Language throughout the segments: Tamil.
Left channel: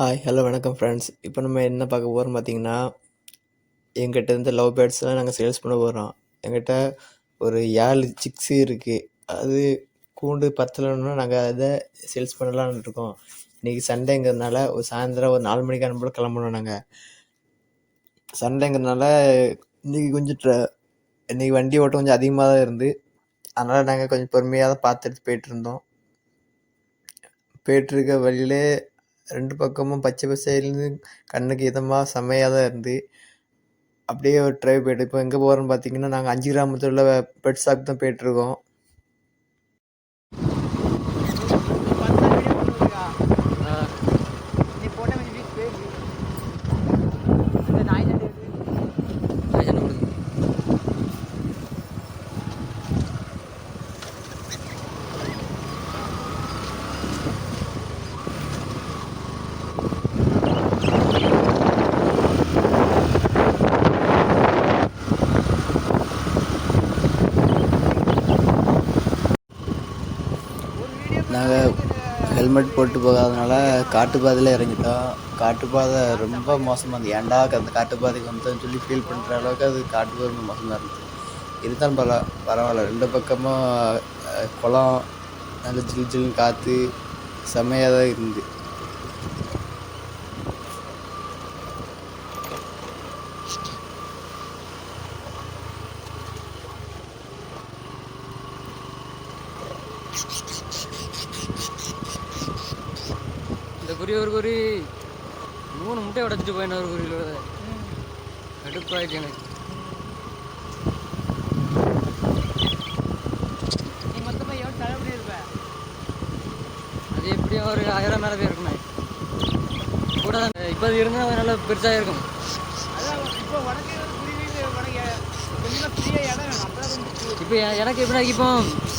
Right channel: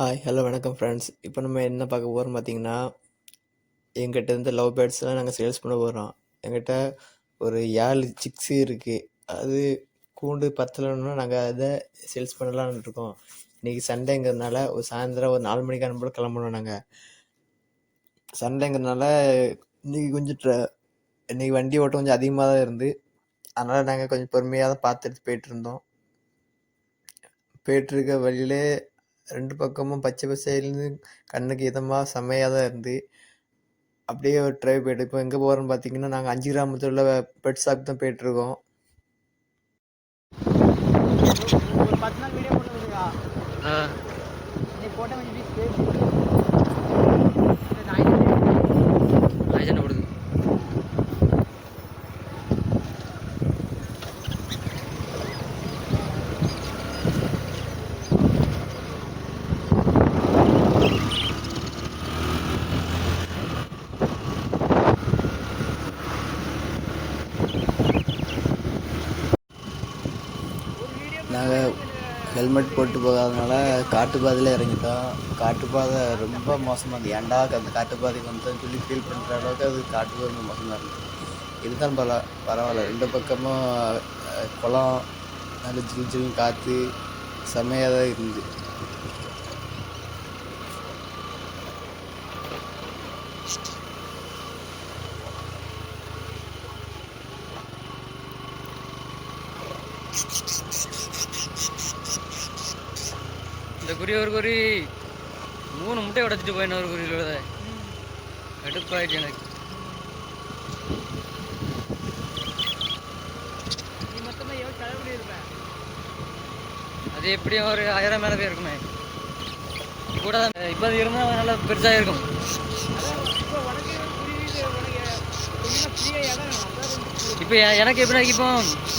ஹாய் ஹலோ வணக்கம் ஃப்ரெண்ட்ஸ். இப்போ நம்ம என்ன பார்க்க போகிறோம் பார்த்தீங்கன்னா, எங்கிட்ட இருந்து லவ் பேர்ட்ஸ்லாம் நாங்கள் சேல்ஸ் பண்ண போகிறோம். எங்கிட்ட ஒரு 7 சிக்ஸு இருக்குது. அது கூண்டு பத்தலைன்னா நாங்கள் அதை சேல்ஸ் பண்ணலான்னு இருக்கோம். இன்றைக்கி சண்டேங்கிறதுனால ஒரு சாயந்தரம் ஒரு 4 மணிக்கு போல் கிளம்பணும். நாங்கள் சண்டேங்கிறதுனால இன்றைக்கி கொஞ்சம் இன்றைக்கி வண்டி ஓட்டம் கொஞ்சம் அதிகமாக தான் இருந்து, அதனால் நாங்கள் கொஞ்சம் பொறுமையாக தான் பார்த்துட்டு போயிட்டுருந்தோம். போயிட்டுருக்க வழியிலே 2 பக்கமும் பச்சை பசேல்னு கண்ணுக்கு இதமாக செம்மையாக தான் இருந்து, அப்படியே ஒரு ட்ரைவ் போய்ட்டு இப்போ எங்கே போகிறோன்னு பார்த்தீங்கன்னா, நாங்கள் 5 கிராமத்தில் உள்ள பெட் ஷாப் தான் போயிட்டுருக்கோம். நாங்கள் ஹெல்மெட் போட்டு போகாதனால காட்டுப்பாதையில் இறங்கிட்டோம். காட்டுப்பாதை ரொம்ப மோசமாக இருந்தது. ஏன்டா அந்த காட்டுப்பாதைக்கு வந்து சொல்லி ஃபீல் பண்ணுற அளவுக்கு அது காட்டுப்பாதை மோசமாக இருந்தது. இருந்தாலும் பரவாயில்ல. 2 பக்கமும் குளம், நல்ல ஜில் ஜில் காற்று செம்மையாக தான் இருந்துது. இந்த குறி ஒரு குறி 3 முட்டை உடச்சிட்டு போயின ஒரு குறியோட கடுப்பாயிடுச்சு எனக்கு. அது எப்படியும் ஒரு 1000 மேலே போய் இருக்குமே கூட தான். இப்போ அது இருந்தால் நல்லா பெருசாக இருக்கும். இப்போ எனக்கு எப்படின்னா, இப்போ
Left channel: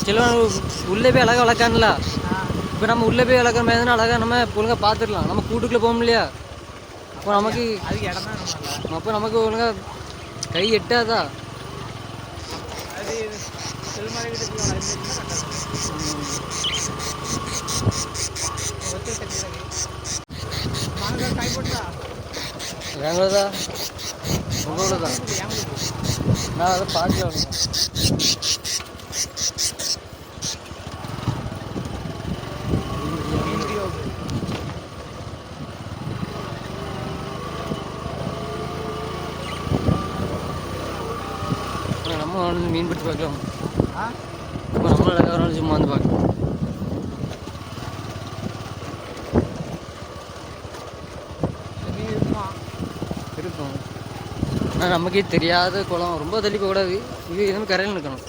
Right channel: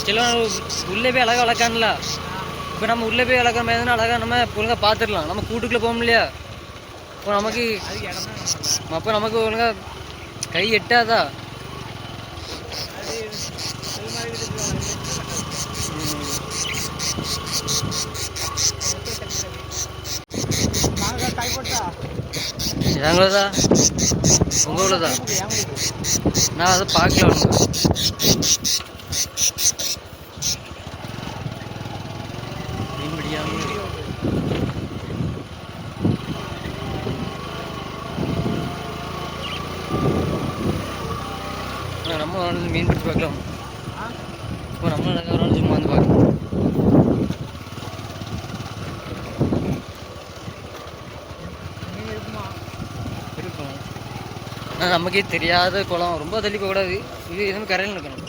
சில உள்ளே போய் அழகாக வளர்க்கான்ல. இப்போ நம்ம உள்ளே போய் வளர்க்குற மாதிரி இருந்தால் அழகாக நம்ம ஒழுங்காக பார்த்துடலாம். நம்ம கூட்டுக்குள்ளே போக இல்லையா? இப்போ நமக்கு ஒழுங்காக கை எட்டாதா? எங்களதா உங்களதா? நான் அதை பார்க்கல. நம்ம வந்து மீன் பிடிச்சி பார்க்கலாம். இப்போ நம்மள சும்மா வந்து பார்க்கலாம். இருக்கும். ஆனால் நமக்கே தெரியாத குளம், ரொம்ப தள்ளி போகக்கூடாது. இது எதுவும் கரையில் இருக்கணும்.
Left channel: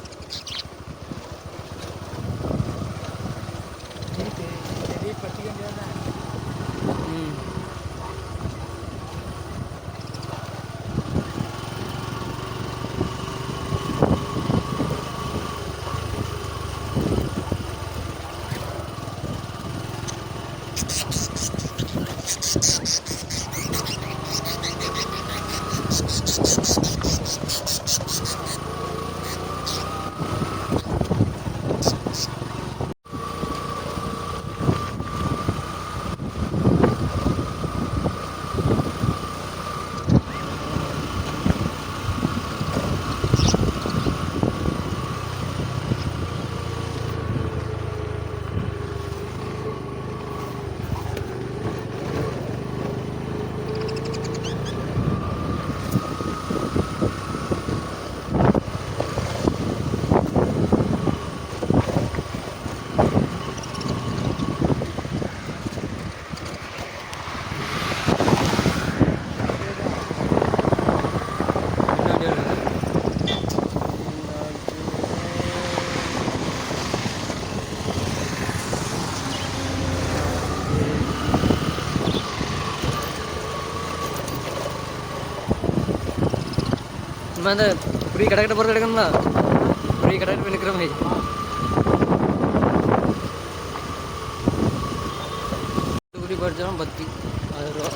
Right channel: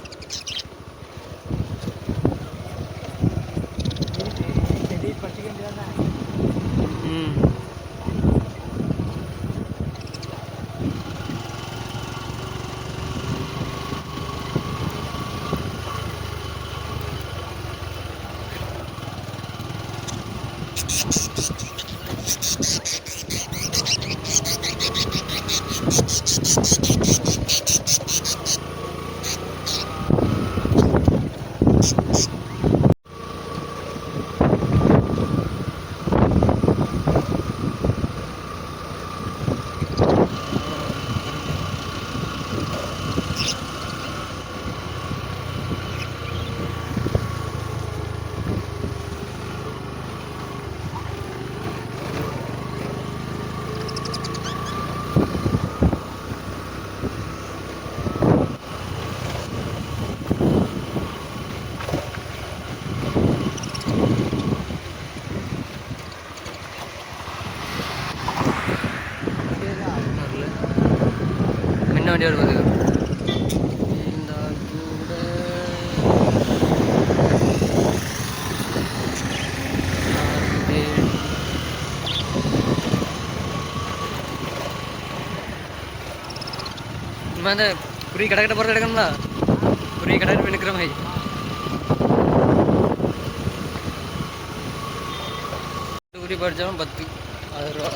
அந்த புரிய கடக்கிட்ட போகிற கிடக்கணும்ல, புரிய கடக்கிட்டு போய் நிற்கிற மாதிரி. புரி படித்தாலும் 10,000 ரூபா.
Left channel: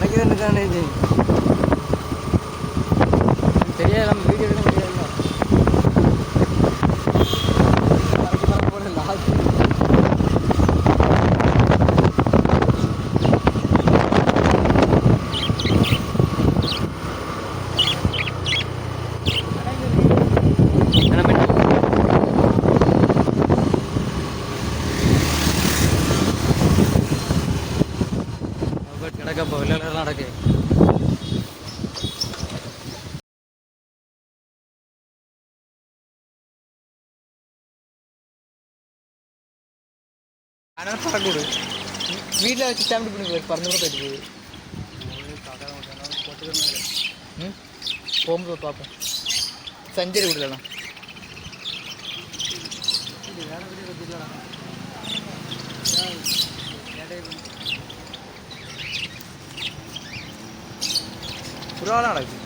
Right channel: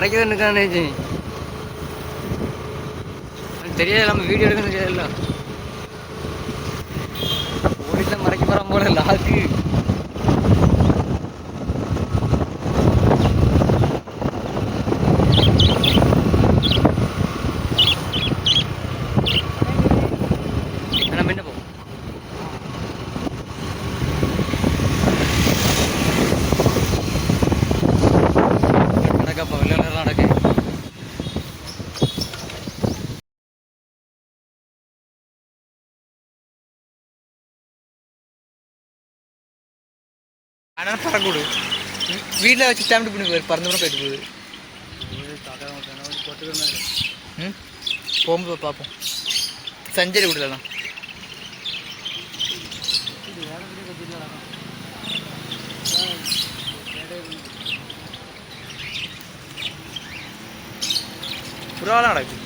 மறைக்கிறது இருக்கானே தெரியாது, நம்ம வீடியோ எடுக்க தெரியாதுல்ல. வீட்டில் மறைக்க போகிற போல லாக்கு. கிடக்கப்போ விளையாட நடக்கு. ஆனால் பறக்கூடு வீட்டில் வச்சு ஸ்டாம்ப் பண்ணி போயிரு, பறந்து கூட போயிட்டு போகுது. போகும்போது பார்ப்போம். சஞ்சரி விடலாம். புறாலாம் நடக்குது.